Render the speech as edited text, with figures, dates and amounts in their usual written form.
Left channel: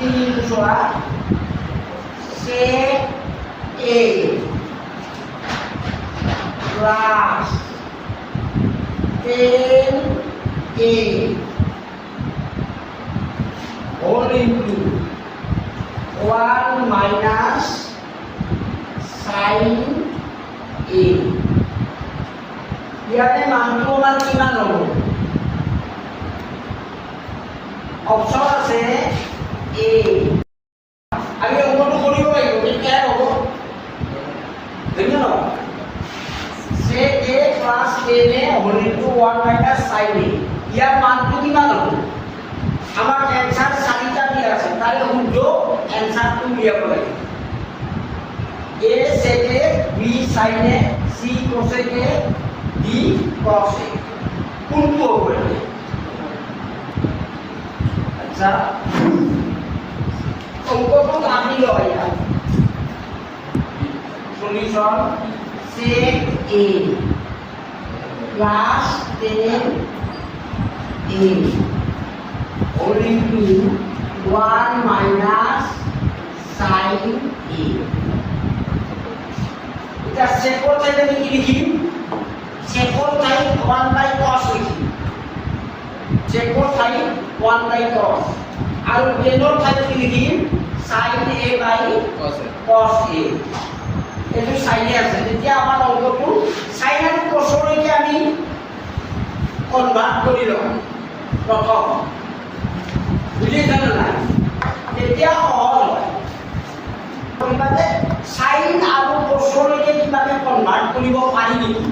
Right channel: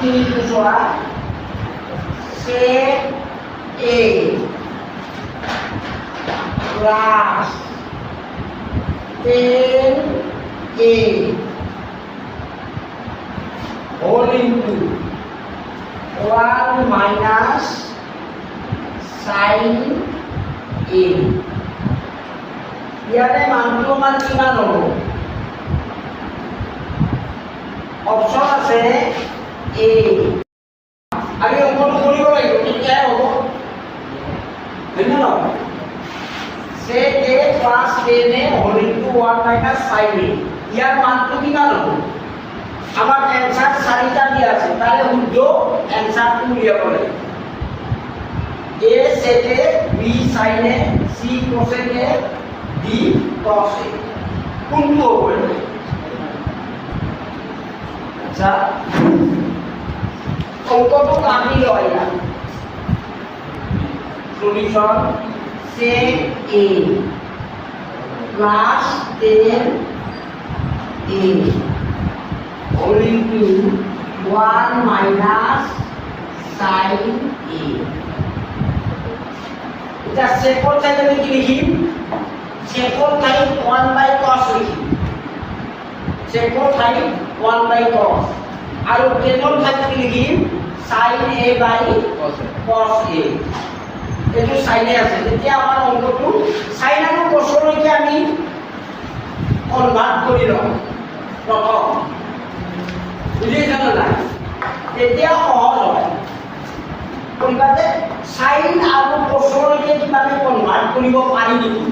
তিনি দুসরা sec A plus 10A whole into 1 minus sin A. ইয়াতে মানটো মান কিমান হ'ব? অপচন আছে A। আমি অংকটো কৰিব লাগিব, কেতিয়া হ'ব? বুজি ন? sec A plus 10A whole into 1 minus sin A। ইয়াৰ মানটো কিমান হ'ব? আমার অ্যানসার চাৰিটা দিয়া আছে, তাহলে শুদ্ধ অ্যানসারটো উলিয়াব লাগিব। A sec A, B sin A, C cosec A, D cos A। কোনটো হ'ব এটা? আচ্ছা, অঙ্কটো কাটি লয় ইয়াত। Solution sec A plus 10A whole into 1 minus sin A। এটা সেকর থেকে আমি কি লিখি? সেকর টাইম 1 বাই cos লিখি। সেকর টাইম 1 বাই cos। আর টেনর থেকে কি লিখি? sin A by cos A। এটো সাইনে আছে। এতিয়া আমাৰ অংকটো sin আৰু cos লৈকে আমি কনভার্ট কৰি লম প্ৰথম। বুঝিছে না নাই? এতিয়া সহজ হয়। কোনবাতে সাইন আৰু কোসলৈকে কিবাকে কনভার্ট কৰিব পাৰি নেকি?